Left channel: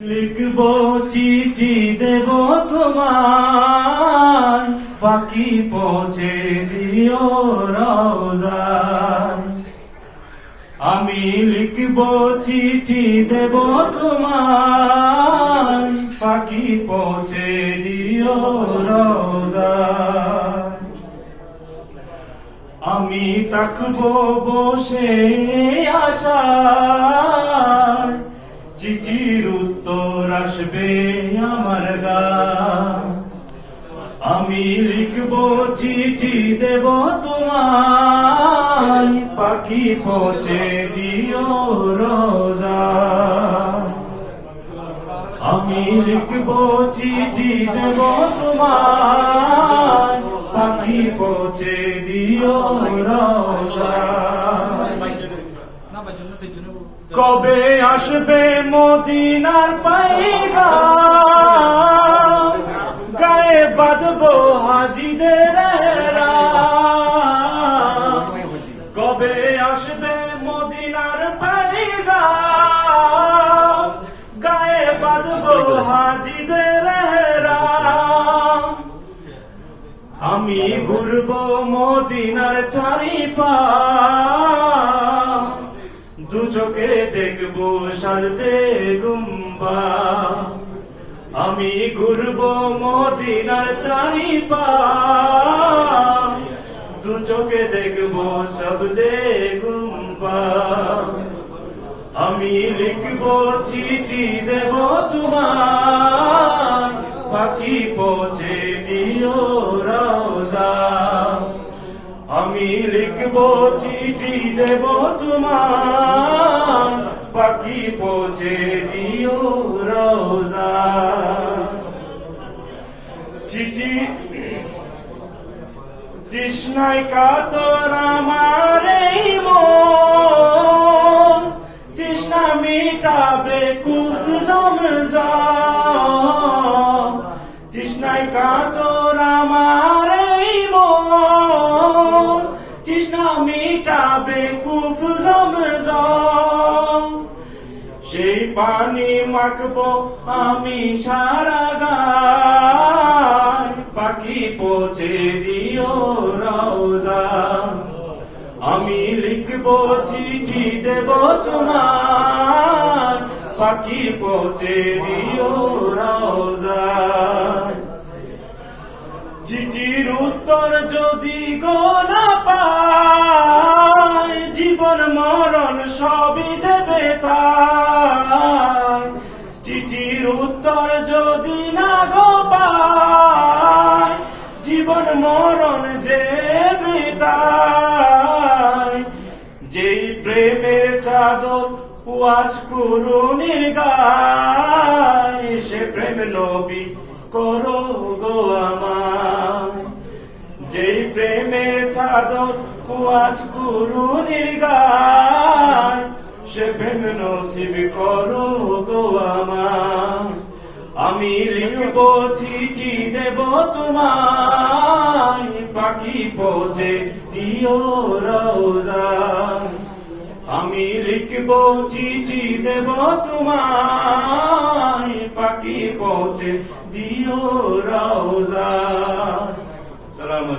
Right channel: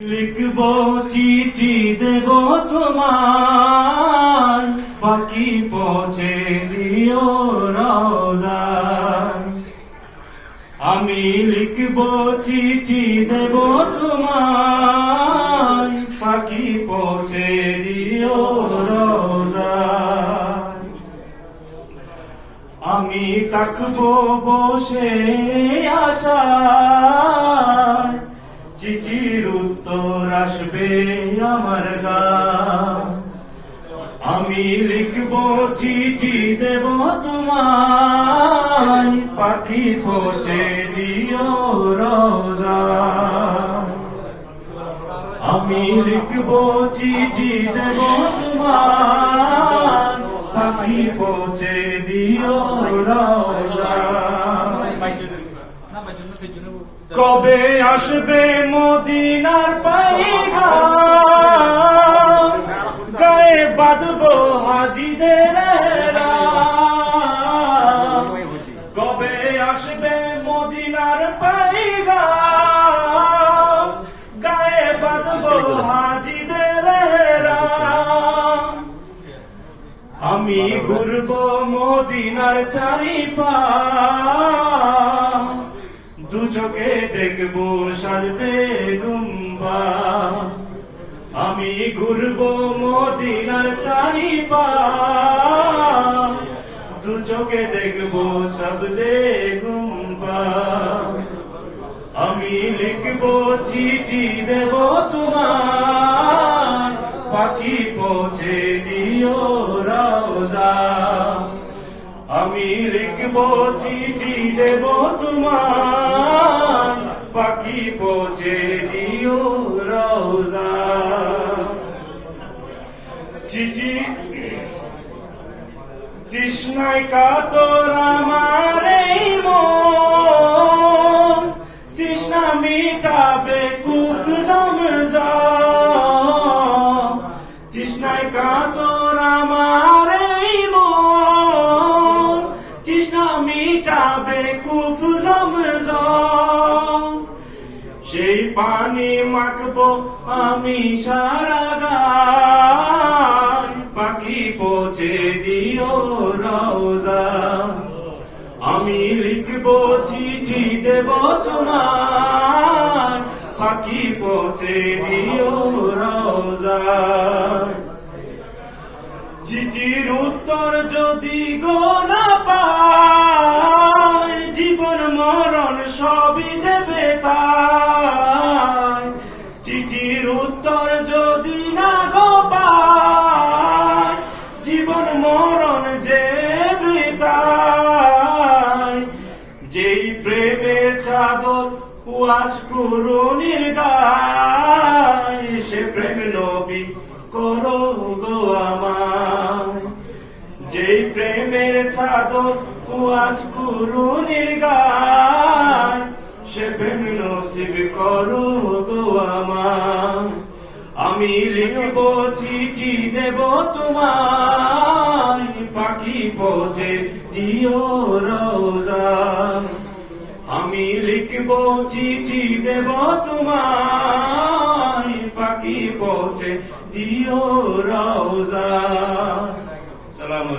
লিখব চিঠি দেব তোমার, পাখি পৌঁছে দিও রওজায়। আমি লিখব চিঠি দেব তোমার, পাখি পৌঁছে দিও রওজায়। আমি থাকবো বসে আশায়, চিঠির উত্তর আসবে আমার গায়ে। আমি লিখব চিঠি দেব তোমার, পাখি পৌঁছে দিও রওজায়। আমি লিখব চিঠি দেব তোমার, পাখি পৌঁছে দিও রওজায়। কবে আসবে মদিনার পাইগাম, গায়ে বাঁধবো হাজিদের রাম। কবে আসবে মদিনার পাইগাম, গায়ে বাঁধবো হাজিদের রাম। আমি ঘুরবো মদিনার চারিপাশ, দু চোখে দেখবো সাজতে গুম্বা। আমি ঘুরবো মদিনার চারিপাশ, দু চোখে দেখবো সবজে গুম্বা। আমি লিখবো চিঠি দেব তোমার, পাখি পৌঁছে দিও রওজায়। আমি লিখবো চিঠি দেব তোমার, পাখি পৌঁছে দিও রওজায়। চিঠি তৃষ্ণায় কাতর আমার এই মন, তৃষ্ণা মিটাবে কূপ জমজম। তৃষ্ণায় কাতর আমার এই মন, তৃষ্ণা মিটাবে কূপ জমজম। সেই পানি মাখবো আমি সারা গায়, পাখি পৌঁছে দিও রওজায়। আমি লিখবো চিঠি দেব তোমার, পাখি পৌঁছে দিও রওজায়। চিঠির উত্তর যদি গো না পাই, জীবন মরণ সবই দেবে তাই। চিঠির উত্তর যদি না গো পাই, জীবন মরণ যে তাই। যেই প্রেমের চাদর ওয়াজ কুরুনির গায়, সে প্রেম নবী করো গো আমার। যেই প্রেমের চাদর ওয়াজ কুরুনির গায়, সে প্রেম নসিব করো গো আমার। আমি লিখবো চিঠি দেব তোমার, পাখি পৌঁছে দিও রওজায়। আমি লিখবো চিঠি দেব তোমার, পাখি পৌঁছে দিও রওজায়।